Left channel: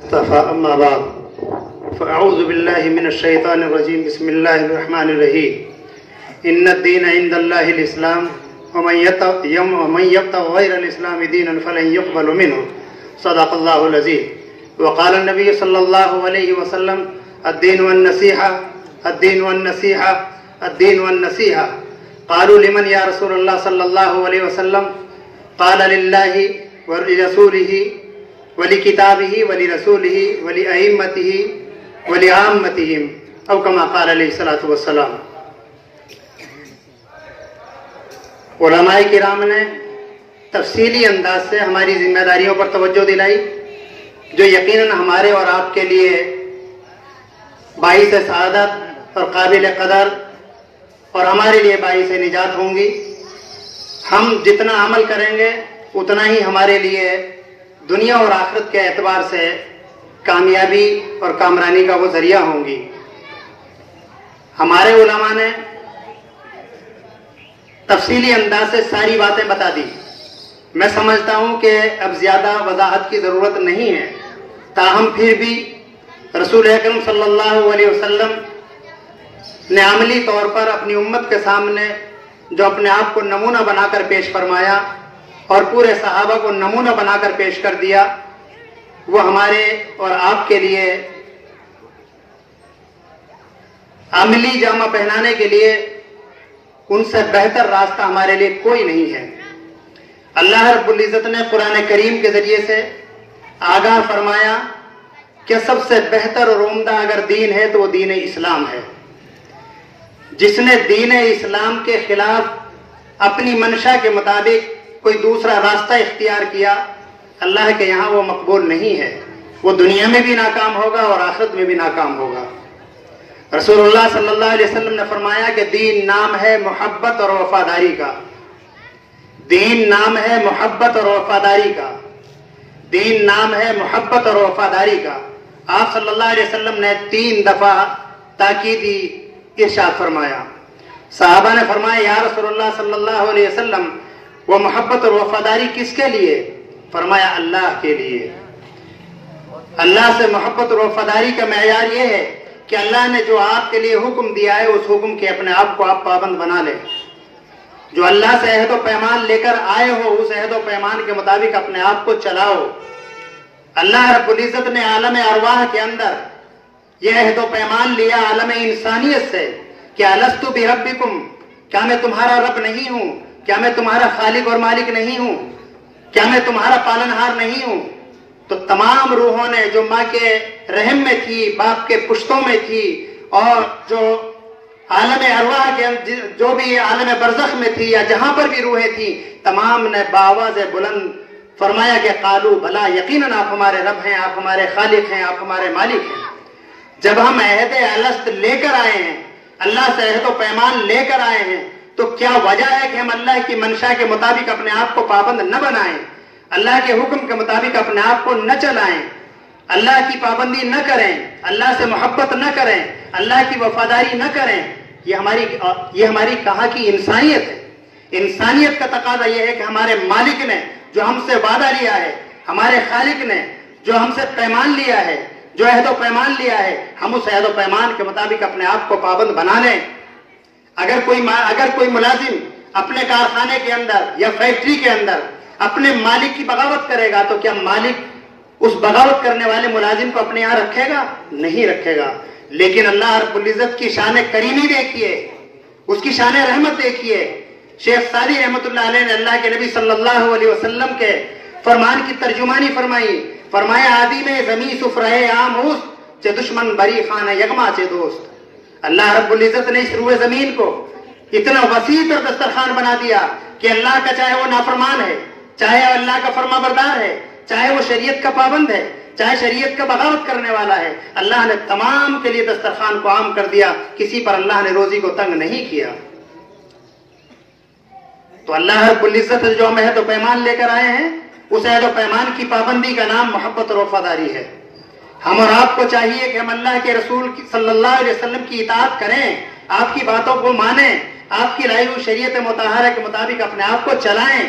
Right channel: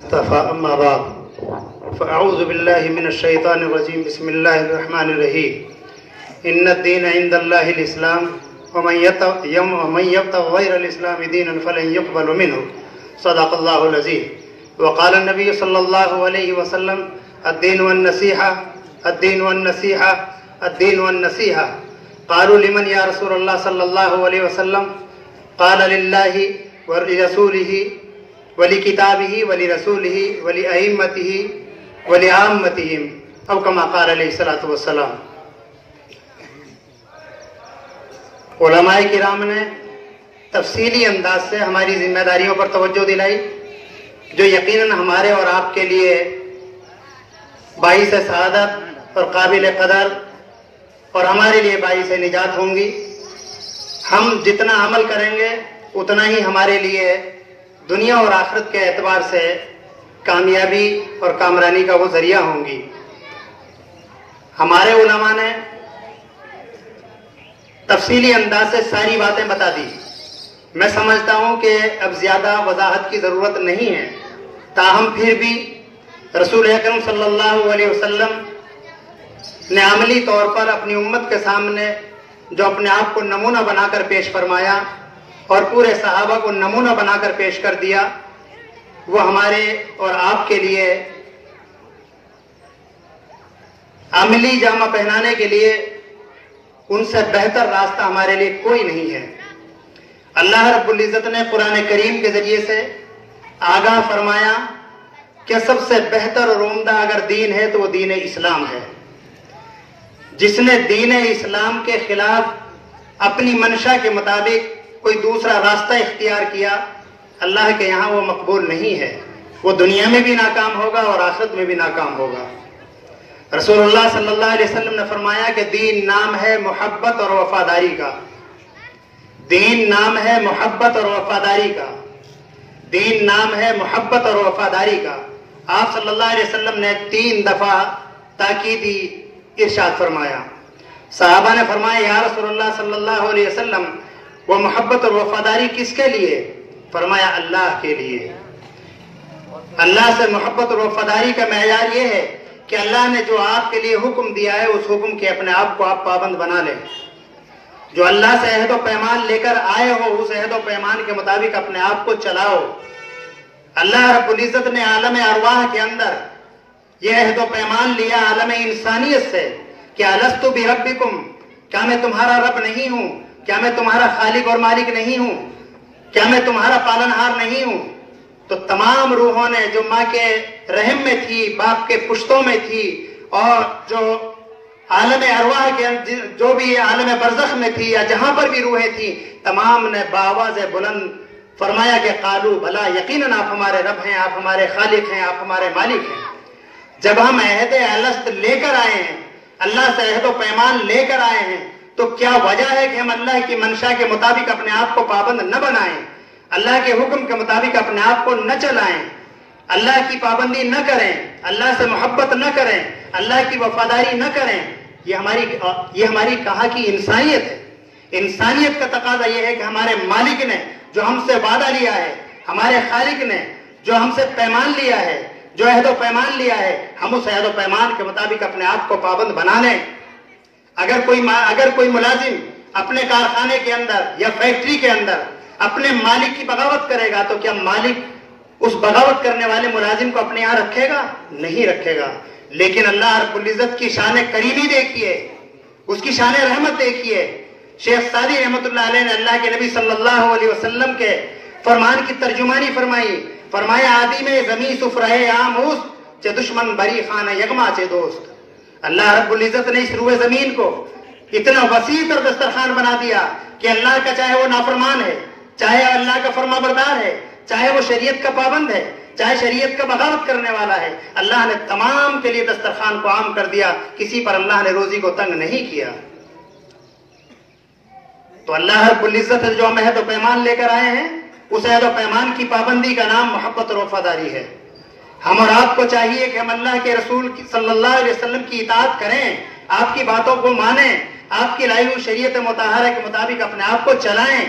أما بعد فأعوذ بالله من الشيطان الرجيم بسم الله الرحمن الرحيم إن الدين عند الله الإسلام ومن يبتغ غير الإسلام دينا فلن يقبل منه صدق الله العظيم وقال النبي صلى الله عليه وسلم الدين والنصيحة الدين والنصيحة الدين والنصيحة قالوا لمن يا رسول الله صلى الله عليه وسلم قال لله ولرسوله ولکتابہ ولرسولہ ولأئمتہ ولعامتہم او کما قال علیہ الصلوۃ والسلام۔ علماء کرام نے تفصیلی انداز سے ہماری ذمہ داریوں پر توجہ دلائی جو یقیناً ہمارے اور آپ کے لیے باعث سعادت اور قابل قدر اور ہمارے لیے باعث نجات ہوں گی۔ ہم جتنا عمل کریں گے اتنا ہی ہمارے لیے دنیا اور آخرت کے اعتبار سے کامیابی اور کامرانی کا وہ ذریعہ ہوں گی۔ ہمارے علماء نے تفصیلی انداز سے ساری باتیں بتا دی۔ میں سمجھتا ہوں کہ اب زیادہ وضاحت کی ضرورت نہیں ہے، تاہم پھر بھی رسول اکرم صلی اللہ علیہ وسلم نے عملی طور پر اپنی امت کے سامنے جو اپنے آپ کو نمونہ بنا کر پیش فرمایا اور پورے صحابہ کو نمونہ بنا کر پیش کر دیا، وہ ہمارے اور آپ کے لیے عملی جامہ پہنانے کے لیے ان سے بہتر راستہ ہمارے لیے کوئی نہیں ہے۔ اللہ رب العزت نے قرآن کریم کے ذریعے سے آگاہ فرمایا کہ سب سے بہتر اور عمدہ اگر دین ہے تو وہ دین اسلام ہے۔ جس نے دین اسلام کے خلاف اپنی منشا کے مطابق کوئی دوسرا راستہ اختیار کیا، اللہ کے یہاں وہ مقبول نہیں ہے، وہ دنیا میں بھی ناکام ہوگا اور آخرت میں بھی ناکام ہوگا۔ رسول اللہ صلی اللہ علیہ وسلم نے فرمایا کہ دین نام ہے محبت اور وفاداری کا، دین نام ہے محبت اور وفاداری کا، دین نام ہے محبت اور وفاداری کا۔ آپ صلی اللہ علیہ وسلم نے 3 دفعہ تاکیدی ارشاد فرمایا۔ صحابہ نے فرمایا یا رسول اللہ صلی اللہ علیہ وسلم وہ محبت اور وفاداری کس کے لیے؟ فرمایا اللہ کے لیے۔ اللہ سے محبت اور وفاداری کا معیار یہ ہے کہ اللہ نے جو آپ کے لیے حکم دیا ہے اس حکم کے اپنے آپ کو آپ پابند بنا لیں۔ جو اللہ سے عہد و پیمان لے کر آئے ہو اس عہد و پیمان کے مطابق اپنے آپ کو چلاؤ۔ اللہ رب العزت نے عالم ارواح کے اندر یہ عہد و پیمان لیا عالم انسانیت سے کہ الستُ بربکم، کیا میں تمہارا رب نہیں ہوں؟ کیا میں تمہارا خالق اور مالک نہیں ہوں؟ کیا میں تمہارا پالنہار نہیں ہوں؟ تو تمام روحوں نے جو ماں کے رحم میں تھی، باپ کے پشتوں میں تھی، اور جو عالم ارواح کے جو بھی عالم برزخ میں تھی یا جہاں پر بھی روحیں تھی، تمام نے بآواز بلند فرمایا کہ قالو بھلا، یقیناً آپ ہمارے رب ہیں، آپ ہمارے خالق ہیں، آپ ہمارے مالک ہیں۔ جب ہم عہد الست لے کر آئے ہیں، اللہ سے عہد و پیمان لے کر آئے ہیں، تو کیا وجہ ہے کہ ہم اللہ کی منشا کے مطابق اپنے آپ کو پابند نہ بنائیں، اللہ کے حکم کے مطابق اپنے آپ کو نہ چلائیں، اللہ کی پابندی نہ کریں، اللہ سے محبت نہ کریں، اللہ کی وفاداری نہ کریں؟ یہ ہماری کہاں کی انسانیت ہے۔ انسانیت کا تقاضا یہ ہے کہ ہمارے مالک نے جو ہم سے وعدہ لیا ہے، ہمارے خالق نے جو ہم سے پیمان لیا ہے، جو عہد و پیمان لیا ہے، ہم اس عہد و پیمان کے مطابق اپنے آپ کو پابند بنا لیں۔ اگر کوئی ملازم اپنے کارخانے کے اندر یا فیکٹری کے اندر اپنے مالک کی بغاوت کرے گا تو کیا مالک اس بغاوت کرنے والے ملازم کو اپنے یہاں رکھے گا؟ نہیں رکھے گا۔ لیکن اللہ رب العزت کی شان کریمی دیکھیے، اس کی شان رحمت دیکھیے۔ شیخ سعدی رحمۃ اللہ علیہ نے اللہ کے نبی صلی اللہ علیہ وسلم کے فرمان کی ترجمانی فرمائی، فرمایا آدی میں زمین سفرہ عام ہوست چے دشمن بری خانہ یغما چے دوست۔ اللہ رب العزت نے اس روئے زمین کو اتنا وسیع اور دسترخوان بنا دیا کہ اللہ کا چاہے وہ نافرمان ہے، چاہے اللہ کا فرما بردار ہے، چاہے وہ شریعت کا پابند ہے، چاہے شریعت کا بغاوت کرنے والا ہے، اللہ نے تمام کے لیے دسترخوان کو عام کر دیا، کسی پر اللہ نے روزی کو تنگ نہیں کیا۔ تو اللہ رب العزت جو ہم عہد و پیمان لے کر آئے ہیں، اس عہد و پیمان کی پابندی کا نام محبت اور وفاداری ہے۔ ہم اور آپ کو چاہیے کہ ہم اللہ کے رسول صلی اللہ علیہ وسلم کی اطاعت کریں، آپ کی باتوں کو مانیں، آپ کی لائی ہوئی شریعت مطہرہ کے مطابق اپنے آپ کو چلائیں۔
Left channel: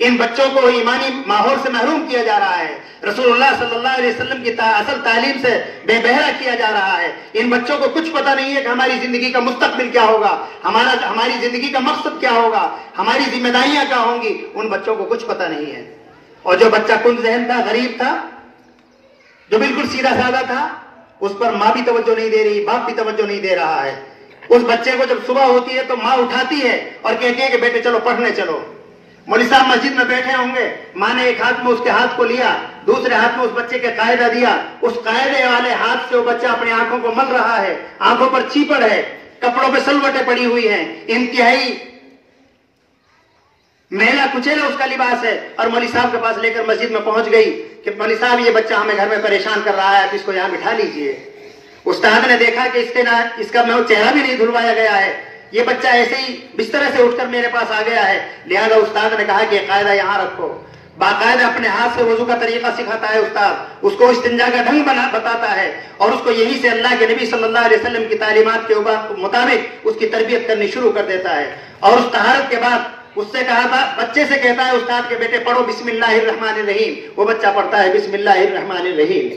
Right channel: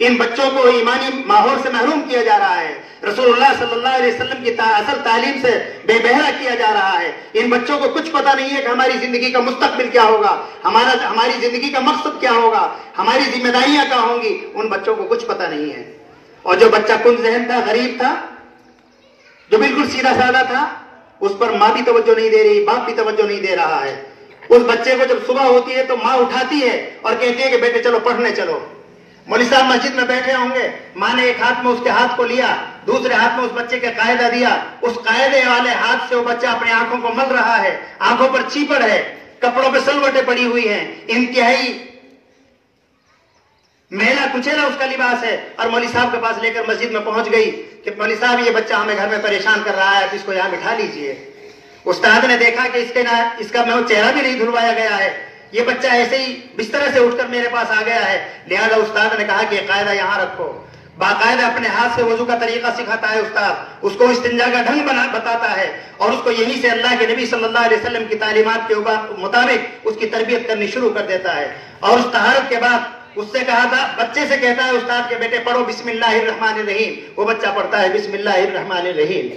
ان بچوں کو ایمانی ماحول سے محروم کیا جا رہا ہے، رسول اللہ صلی اللہ علیہ وسلم کی اصل تعلیم سے بے بہرا کیا جا رہا ہے۔ ان بچوں کو کچھ پتہ نہیں ہے کہ ہماری زندگی کا مستقبل کیا ہوگا، ہماری زندگی کا مقصد کیا ہوگا، ہماری ذمہ داریاں کیا ہوں گی، ان بچوں کو کچھ پتہ نہیں ہے۔ اور جو بچہ کن ذہن تھا، غریب تھا، جو بالکل سیدھا سادہ تھا، اس پر ماں بھی توجہ نہیں دے رہی، باپ بھی توجہ نہیں دے رہا ہے۔ اس بچے کو جب صبح ہوتی ہے تو ماں اٹھاتی ہے اور کہتی ہے کہ بیٹے چلو پڑھنے چلو۔ مولوی صاحب مسجد میں بیٹھے ہوں گے، ماں نے ایک ہاتھ میں اس کے ہاتھ کو لیا، دوسرے ہاتھ میں اس بچے کے قاعدہ دیا، اس قاعدے والے ہاتھ سے وہ بچہ اپنی آنکھوں کو مل رہا ہے، آنکھوں پر چیپڑ ہے، کپڑوں پہ سلوٹیں پڑی ہوئی ہیں، انتہائی میلا کچیلا اس کا لباس ہے، اور مولوی صاحب کے پاس لے کر مسجد میں پہنچ گئی کہ مولوی صاحب یہ بچہ ہمیں گھر میں پریشان کر رہا ہے، آپ اس کو یہاں بٹھا لیجئے۔ استاد نے دیکھا کہ اس کا چہرہ بھی نہیں دھلوایا گیا ہے، یہ بچہ ایسے ہی بستر سے اٹھ کر میرے پاس آ گیا ہے، لہذا استاد نے کہا کہ یہ قاعدہ یہاں رکھو۔ باقاعدہ اپنے ہاتھ سے وضو کا طریقہ سکھاتا ہے استاد، اس کو استنجا کا ڈھنگ بتاتا ہے، اور اس کو یہیں سے اللہ کے نبی صلی اللہ علیہ وسلم کی تعلیمات کے مطابق اس کی تربیت کرنی شروع کر دیتا ہے۔ اور اس طہارت کے بعد اس سے کہا تھا، بچے سے کہتا ہے استاد کے بیٹے پڑھو بسم اللہ الرحمن الرحیم، وہ بچہ پڑھتا ہے بسم اللہ الرحمن الرحیم،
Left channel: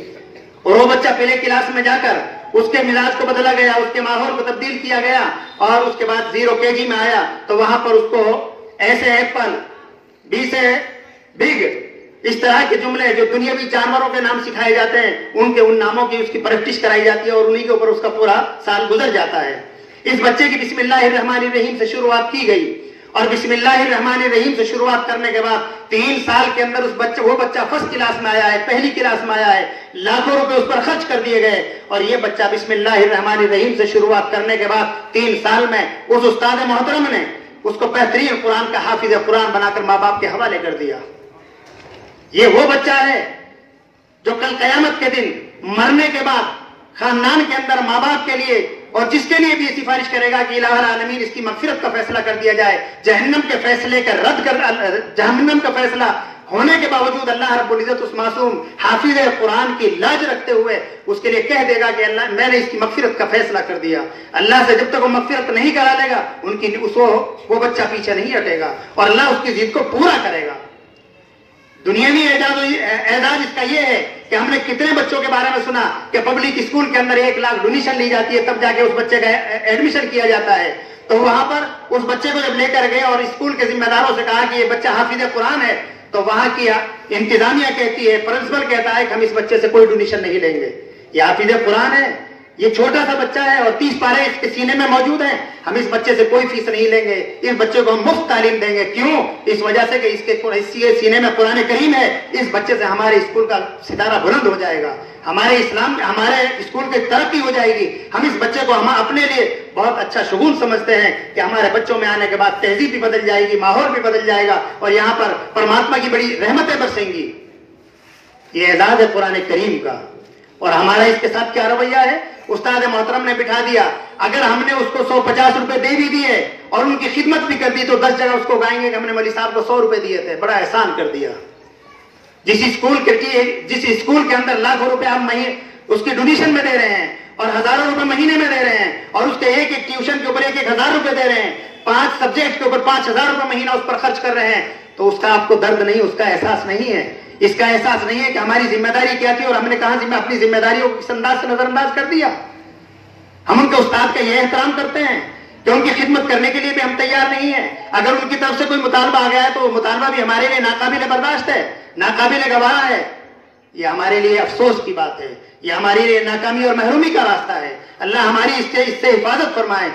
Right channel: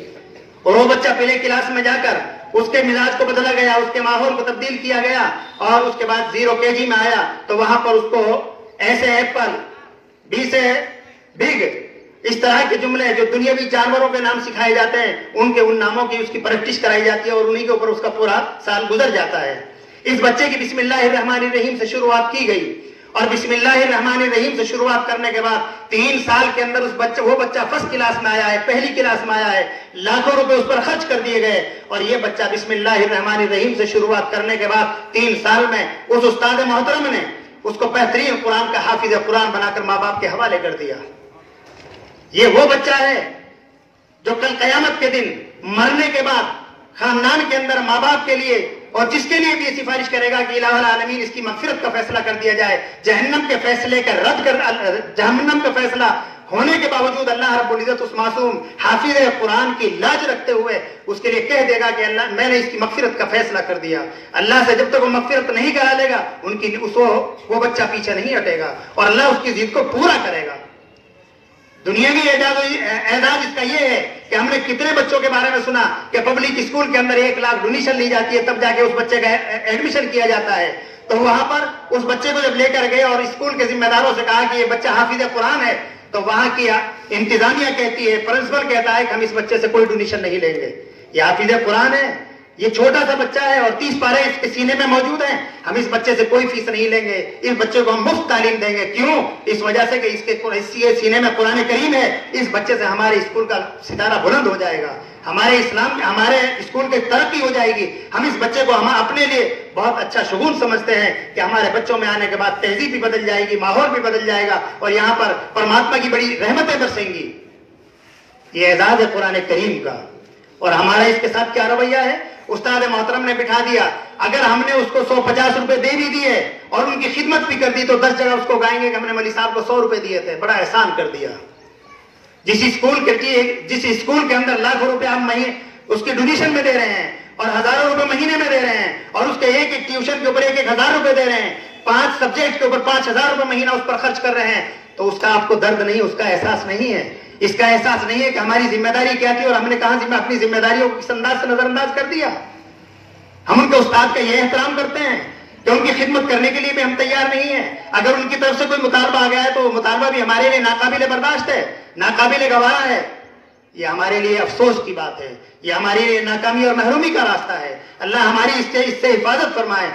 اور وہ بچہ پہلے کلاس میں جا کر اس کے مزاج کو بدلا گیا، اس کے ماحول کو تبدیل کیا گیا، اور اس کے بعد 0 KG میں آیا تو وہاں پر اس کو ایسے ایپل، بی سے بگ، اس طرح کے جملے جو دنیاوی جانوروں کے نام سکھائے جاتے ہیں، ان ناموں کی اس کی پریکٹس کرائی جاتی ہے، اور انہی کے اوپر اس کا پورا سال گزر جاتا ہے۔ اس بچے کی بسم اللہ الرحمن الرحیم سے شروعات کی گئی، اور بسم اللہ الرحمن الرحیم سے شروعات کرنے کے بعد 3 سال کے اندر وہ بچہ فرسٹ کلاس میں آیا ہے، پہلی کلاس میں آیا ہے، لاکھوں روپے اس پر خرچ کر دیے گئے، اور یہ بچہ بسم اللہ الرحمن الرحیم سے شروعات کرنے کے بعد 3 سال میں اس استاد محترم نے اس کو بہترین قرآن کا حافظ قرآن بنا کر ماں باپ کے حوالے کر دیا۔ یہ وہ بچہ ہے جو کل قیامت کے دن مرنے کے بعد خاندان کے اندر ماں باپ کے لیے اور جس کے لیے بھی یہ سفارش کرے گا کہ الہ العالمین اس کی مغفرت کا فیصلہ کر دیا جائے، جہنم کے فیصلے کا رد کر، جہنم کا فیصلہ ہونے کے باوجود اللہ رب العزت اس معصوم حافظ قرآن کی لاج رکھتے ہوئے اس کے لیے کہہ دے گا کہ اللہ میں نے اس کی مغفرت کا فیصلہ کر دیا۔ اللہ سے جب تک وہ مغفرت نہیں کرا دے گا وہ بچہ پیچھے نہیں ہٹے گا، اور اللہ اس کی ضد کو پورا کرے گا۔ دنیاوی اعداد اس کا یہ ہے کہ ہم نے کتنے بچوں کے بارے میں سنا کہ پبلک اسکول کے اندر 1 لاکھ ڈونیشن لی جاتی ہے، تب جا کے اس بچے کا ایڈمیشن کیا جاتا ہے۔ تو وہاں پر اس بچے کو جب لے کر گئے اور اسکول کے ذمہ داروں سے کہا کہ یہ بچہ حافظ قرآن ہے، تو وہاں کی انتظامیہ کہتی ہے، پرنسپل کہتا ہے کہ ہم اس بچے سے کوئی ڈونیشن نہیں لیں گے، یہ حافظ قرآن ہے، یہ چھوٹا سا بچہ ہے اور 30 پارے اس کے سینے میں موجود ہیں، ہم اس بچے سے کوئی فیس نہیں لیں گے، اس بچے کو ہم مفت تعلیم دیں گے۔ کیوں؟ اس وجہ سے کہ اس کے سینے میں قرآن کریم ہے، اس بچے سے ہمارے اسکول کا ستارہ بلند ہو جائے گا، ہمارے اسکول کی ترقی ہو جائے گی۔ ہم اس بچے کو اپنے لیے بہت اچھا شگون سمجھتے ہیں کہ ہمارے بچوں میں آنے کے بعد تہذیب بھی بدل جائے گی، ماحول بھی بدل جائے گا، اور یہاں پر پرماتما کی بڑی رحمتیں برسیں گی۔ یہ اعزاز ہے قرآن کریم کا، اور ہمارا اس کے ساتھ کیا رویہ ہے؟ استاد محترم نے بٹھا دیا، اگر ہم نے اس کو 150 روپے دے بھی دیے اور ان کی خدمت بھی کر دی تو 10 جگہ اس کو گائیں گے کہ ہم نے مولوی صاحب کو 100 روپے دیے تھے، بڑا احسان کر دیا۔ جس اسکول کے اندر لاکھوں روپے ہم اس کی ڈونیشن میں دے رہے ہیں اور ہزاروں روپے مہینے میں دے رہے ہیں، اور اس کے ایک ٹیوشن کے اوپر 1,000 روپے دے رہے ہیں، 5 سبجیکٹ کے اوپر 5,000 روپے مہینہ اس پر خرچ کر رہے ہیں، تو اس کا آپ کو درد نہیں، اس کا احساس نہیں ہے، اس کا احساس نہیں ہے کہ ہماری ذمہ داری کیا تھی اور ہم نے کہاں اپنی ذمہ داریوں کو کس انداز سے نظر انداز کر دیا۔ ہم ان کے استاد کا یہ احترام کرتے ہیں کہ ان کی خدمت کرنے کے لیے بھی ہم تیار نہیں ہیں، اگر ان کی طرف سے کوئی مطالبہ آ گیا ہے تو وہ مطالبہ بھی ہمارے لیے ناقابل برداشت ہے، ناقابل گوارا ہے، یہ ہمارے لیے افسوس کی بات ہے، یہ ہمارے لیے ناکامی اور محرومی کا راستہ ہے۔ اللہ ہماری اس سے حفاظت فرمائے۔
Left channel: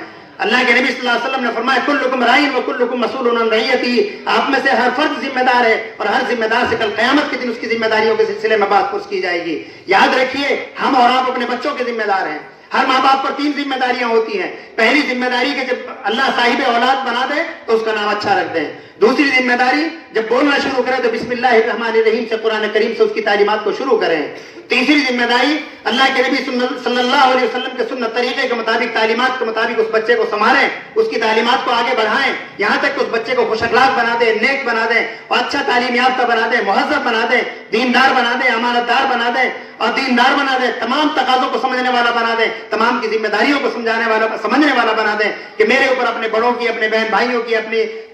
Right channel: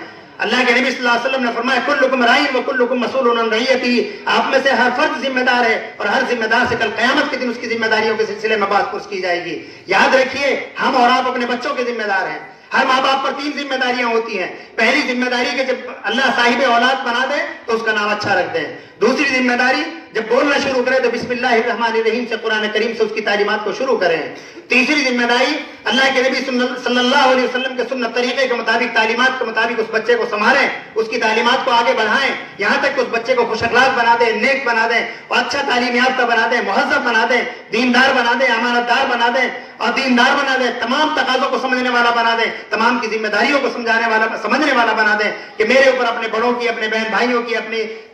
اللہ کے نبی صلی اللہ علیہ وسلم نے فرمایا کلکم راعٍ وکلکم مسئول عن رعیتہ، آپ میں سے ہر فرد ذمہ دار ہے اور ہر ذمہ دار سے کل قیامت کے دن اس کی ذمہ داریوں کے سلسلے میں بات پرس کی جائے گی۔ یاد رکھیے ہم اور آپ اپنے بچوں کے ذمہ دار ہیں۔ ہر ماں باپ پر 3 ذمہ داریاں ہوتی ہیں۔ پہلی ذمہ داری کہ جب اللہ صاحب اولاد بنا دے تو اس کا نام اچھا رکھ دیں۔ دوسری ذمہ داری جب بولنا شروع کرے تو بسم اللہ الرحمن الرحیم سے قرآن کریم سے اس کی تعلیمات کو شروع کریں۔ تیسری ذمہ داری اللہ کے نبی صلی اللہ علیہ وسلم کے سنت طریقے کے مطابق تعلیمات کے مطابق اس بچے کو سنبھالیں، اس کی تعلیمات کو آگے بڑھائیں، یہاں تک کہ اس بچے کو خوش اخلاق بنا دیں، نیک بنا دیں اور اچھا تعلیم یافتہ بنا دیں، مہذب بنا دیں، دیندار بنا دیں، امانت دار بنا دیں اور دیندار بنا دیں، تمام تقاضوں کو سمجھنے والا بنا دیں، تمام کی ذمہ داریوں کو سمجھنے والا بنا دیں کہ میرے اوپر اپنے بڑوں کی، اپنے بہن بھائیوں کی، اپنی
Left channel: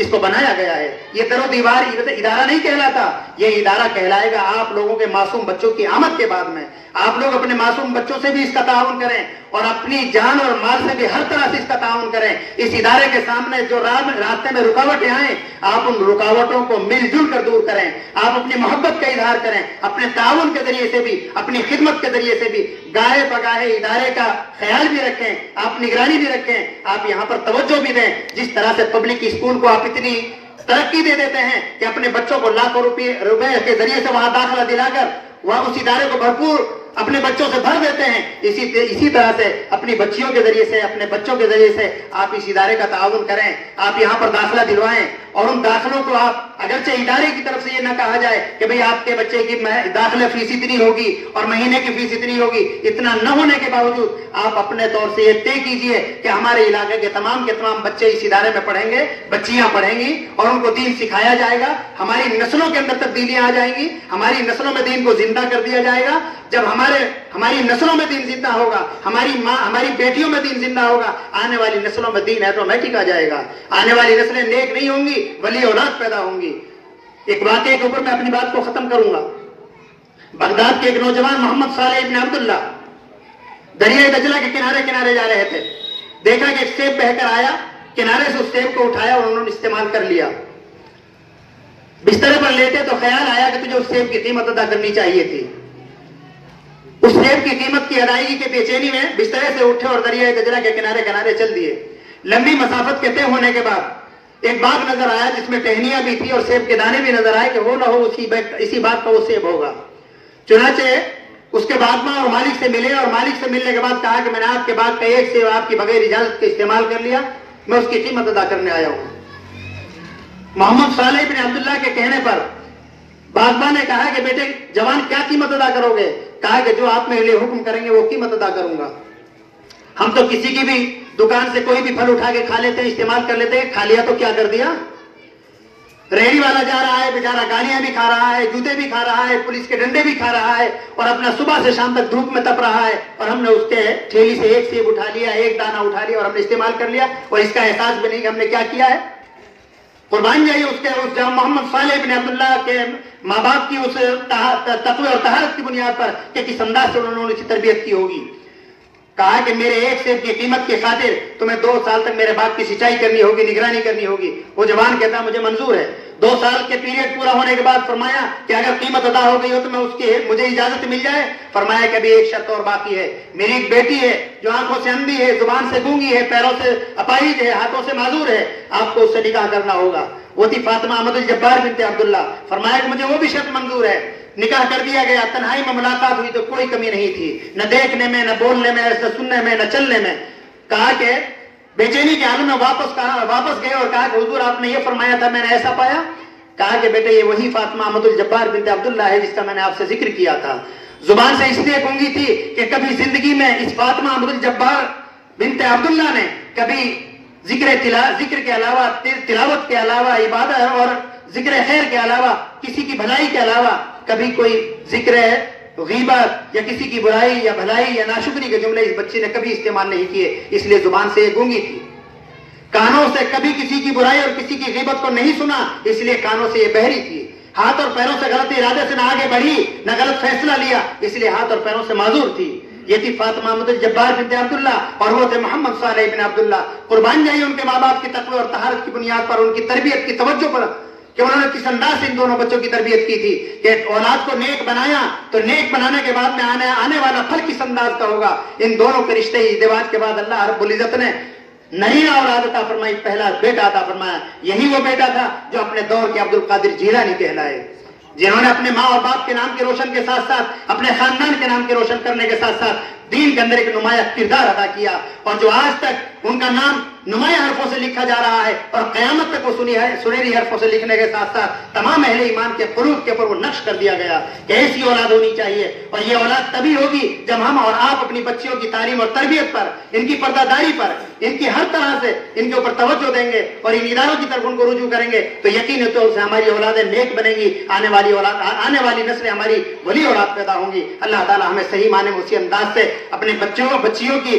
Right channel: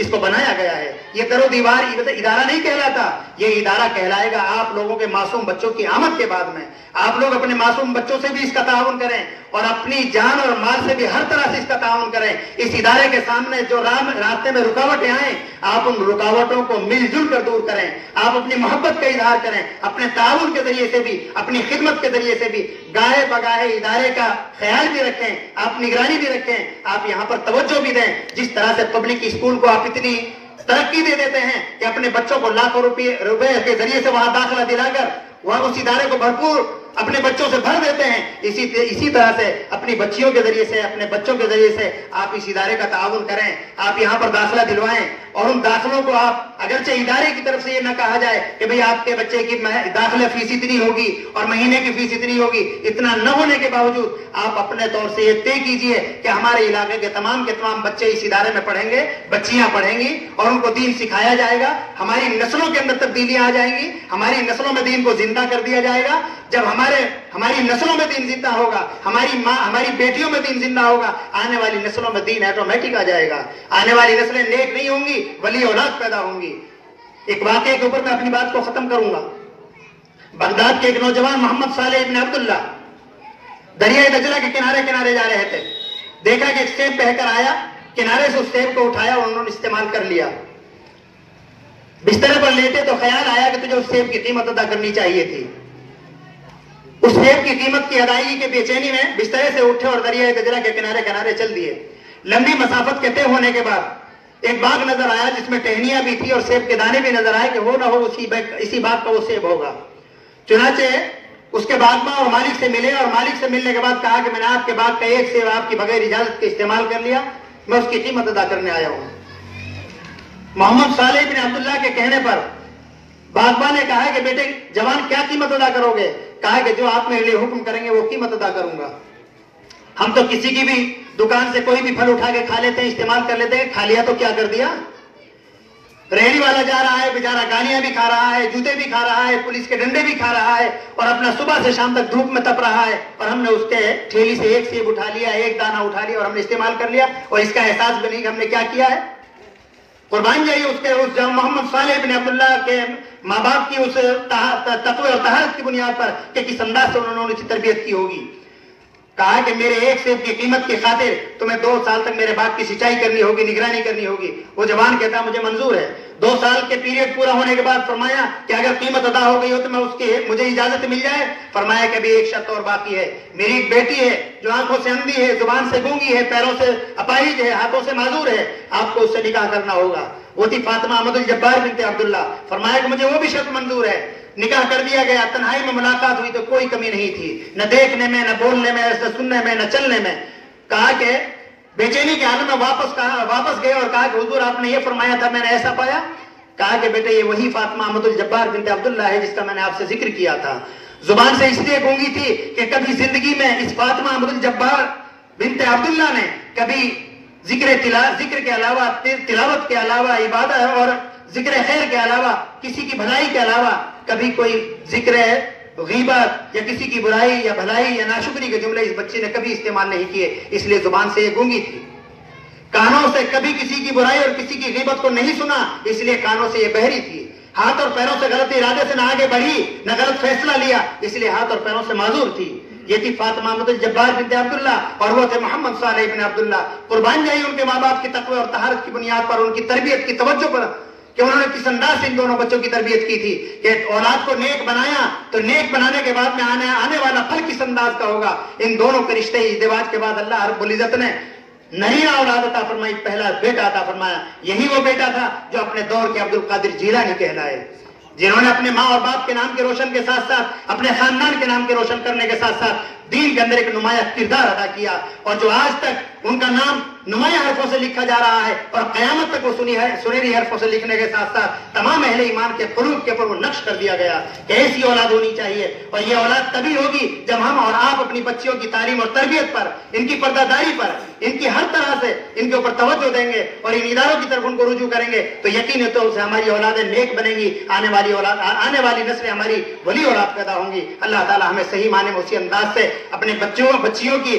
اس کو بنایا گیا ہے. یہ در و دیوار ادارہ نہیں کہلاتا, یہ ادارہ کہلائے گا آپ لوگوں کے معصوم بچوں کی آمد کے بعد میں. آپ لوگ اپنے معصوم بچوں سے بھی اس کا تعاون کریں اور اپنی جان اور مال سے بھی ہر طرح سے اس کا تعاون کریں. اس ادارے کے سامنے جو راستے میں رکاوٹیں آئیں, آپ ان رکاوٹوں کو مل جل کر دور کریں. آپ اپنی محبت کا اظہار کریں, اپنے تعاون کے ذریعے سے بھی, اپنی خدمت کے ذریعے سے بھی گاہے بگاہے ادارے کا خیال بھی رکھیں, آپ نگرانی بھی رکھیں, آپ یہاں پر توجہ بھی دیں. جس طرح سے پبلک اسکول کو آپ اتنی ترقی دے دیتے ہیں کہ اپنے بچوں کو لاکھوں روپے کے ذریعے سے وہاں داخلہ دلا کر وہاں اس ادارے کو بھرپور اپنے بچوں سے بھر دیتے ہیں, اسی طرح سے اپنی بچیوں کے ذریعے سے, اپنے بچوں کے ذریعے سے آپ اس ادارے کا تعاون کریں. آپ یہاں پر داخلہ دلوائیں اور ان داخلوں کو آپ, اگرچہ ادارے کی طرف سے یہ نہ کہا جائے کہ بھئی آپ کے بچے کی داخلہ فیس اتنی ہوگی اور مہینے کی فیس اتنی ہوگی, اتنا نہ ہونے کے باوجود آپ اپنے طور سے یہ طے کیجئے کہ ہمارے علاقے کے تمام بچے اس ادارے میں پڑھیں گے, بچیاں پڑھیں گی اور ان کو دین سکھایا جائے گا. ہماری نسلوں کے اندر تبدیلیاں آ جائیں گی, ہماری نسلوں میں دین کو زندہ کر دیا جائے گا. جب ہماری نسلوں میں دین زندہ ہوگا, ہماری بیٹیوں میں دین زندہ ہوگا, آنے والی نسلوں میں دین آٹومیٹک آ جائے گا. آنے والی نسلیں نیک نہیں ہوں گی, ولی اولاد پیدا ہوں گی. ایک واقعے کے اوپر میں اپنی بات کو ختم کروں گا. بغداد کے ایک نوجوان محمد صالح ابن عبداللہ دریائے دجلہ کے کنارے جا رہے تھے. دیکھا کہ ایک سیب بہ کر آیا, کنارے سے اس سیب کو اٹھایا اور انہوں نے استعمال کر لیا. بستر پر لیٹے تو خیال آیا کہ تجھے اس سیب کی قیمت ادا کرنی چاہیے تھی. اس سیب کی قیمت کی ادائیگی کے بے چینی میں بسترے سے اٹھے اور دریائے دجلہ کے کنارے چل دیے. لمبی مسافت کے طے ہونے کے بعد ایک باغ نظر آیا جس میں ٹہنیاں بھی تھی اور سیب کے دانے بھی نظر آئے کہ وہ نہ ہو اسی باغ کا وہ سیب ہوگا. چنانچہ اس کے باغ میں اور مالک سے ملے اور مالک سے ملنے کے بعد کہا کہ میں نے آپ کے باغ کا ایک سیب آپ کی بغیر اجازت کے استعمال کر لیا, میں اس کی قیمت ادا کرنے آیا ہوں. محمد صالح بن عبداللہ کے کہنے پر باغبان نے کہا کہ بیٹے جوان کیا قیمت ادا کرو گے؟ کہا کہ جو آپ میرے لیے حکم کریں گے وہ قیمت ادا کروں گا. ہم تو کسی کی بھی دکان سے کوئی بھی پھل اٹھا کے کھا لیتے ہیں, استعمال کر لیتے ہیں, کھا لیا تو کیا کر دیا. ریڑھی والا جا رہا ہے بیچارہ, گالیاں بھی کھا رہا ہے, جوتے بھی کھا رہا ہے, پولیس کے ڈنڈے بھی کھا رہا ہے اور اپنا صبح سے شام تک دھوپ میں تپ رہا ہے, اور ہم نے اس کے ٹھیلی سے ایک سیب اٹھا لیا, ایک دانہ اٹھا لیا اور ہم نے استعمال کر لیا اور اس کا احساس بھی نہیں کہ ہم نے کیا کیا ہے. قربان جائیے اس محمد صالح بن عبداللہ کے ماں باپ کی اس تقوی اور طہارت کی بنیاد پر کہ کس انداز سے انہوں نے تربیت کی ہوگی. کہا کہ میرے ایک سیب کی قیمت کی خاطر تمہیں 2 سال تک میرے باپ کی سچائی کرنی ہوگی, نگرانی کرنی ہوگی. وہ جوان کہتا مجھے منظور ہے. 2 سال کے پیریڈ پورا ہونے کے بعد فرمایا کہ اگر قیمت ادا ہو گئی ہو تو میں مجھے اجازت مل جائے. فرمایا کہ ابھی ایک شرط اور باقی ہے. میری ایک بیٹی ہے جو آنکھوں سے اندھی ہے, زبان سے گونگی ہے, پیروں سے اپاہج ہے, ہاتھوں سے معذور ہے, آپ کو اس سے نکاح کرنا ہوگا. وہ تھی فاطمہ احمد الجبار بنت عبداللہ. فرمایا کہ مجھے وہ بھی شرط منظور ہے. نکاح کر دیا گیا. تنہائی میں ملاقات ہوئی تو کوئی کمی نہیں تھی, نہ دیکھنے میں, نہ بولنے میں, نہ سننے میں, نہ چلنے میں. کہا کہ بے چینی کے عالم میں واپس گئے اور کہا کہ حضور آپ نے یہ فرمایا تھا, میں نے ایسا پایا. کہا کہ بیٹے یہ وہی فاطمہ احمد الجبار بنت عبداللہ ہے جس کا میں نے آپ سے ذکر کیا تھا. زبان سے اس لیے گونگی تھی کہ کبھی زندگی میں اس فاطمہ احمد الجبار بنت عبداللہ نے کبھی ذکر کے علاوہ, تلاوت کے علاوہ, عبادت اور ذکر خیر کے علاوہ, کسی کی بھلائی کے علاوہ کبھی کوئی ذکر غیبت یا کسی کی برائی یا بھلائی یا ناشکری کے جملے اس بچے نے کبھی استعمال نہیں کیے. اس لیے زبان سے یہ گونگی تھی. کانوں سے کبھی کسی کی برائی اور کسی کی غیبت کو نہیں سنا, اس لیے کانوں سے یہ بہری تھی. ہاتھ اور پیروں سے غلط ارادے سے نہ آگے بڑھی, نہ غلط فیصلہ لیا, اس لیے ہاتھ اور پیروں سے معذور تھی. یہ تھی فاطمہ احمد الجبار بنت عبداللہ اور وہ تھے محمد صالح بن عبداللہ. قربان جائیے ان کے ماں باپ کی تقوی اور طہارت کی بنیاد پر, ان کی تربیت کی توجہ پر کہ انہوں نے کس انداز سے ان دونوں بچوں کی تربیت کی تھی کہ اولاد کو نیک بنایا تو نیک بنانے کے بعد میں آنے والا پھل کس انداز کا ہوگا. ان دونوں کے رشتے ازدواج کے بعد اللہ رب العزت نے نہیں اولاد عطا فرمائی, پہلا بیٹا عطا فرمایا. یہی وہ بیٹا تھا جو اپنے دور کے عبد القادر جیلانی کہلائے, جنہوں نے اپنے ماں اور باپ کے نام کے روشن کے ساتھ ساتھ اپنے خاندان کے نام کے روشن کرنے کے ساتھ ساتھ دین کے اندر ایک نمایاں کردار ادا کیا, اور جو آج تک ان کا نام نمایاں حرفوں سے لکھا جا رہا ہے اور قیامت تک وہ سنہری حرفوں سے لکھنے کے ساتھ ساتھ تمام اہل ایمان کے قلوب کے اوپر وہ نقش کر دیا گیا کہ ایسی اولاد ہونی چاہیے. اور یہ اولاد تبھی ہوگی جب ہم اور آپ اپنی بچیوں کی تعلیم اور تربیت پر, ان کی پردہ داری پر, ان کی ہر طرح سے ان کے اوپر توجہ دیں گے اور ان اداروں کی طرف ان کو رجوع کریں گے تو یقین طور سے ہماری اولادیں نیک بنے گی. آنے والی نسلیں ہماری ولی اولاد پیدا ہوں گی. اللہ تعالیٰ ہمیں صحیح معنی میں اسی انداز سے اپنے بچیوں کی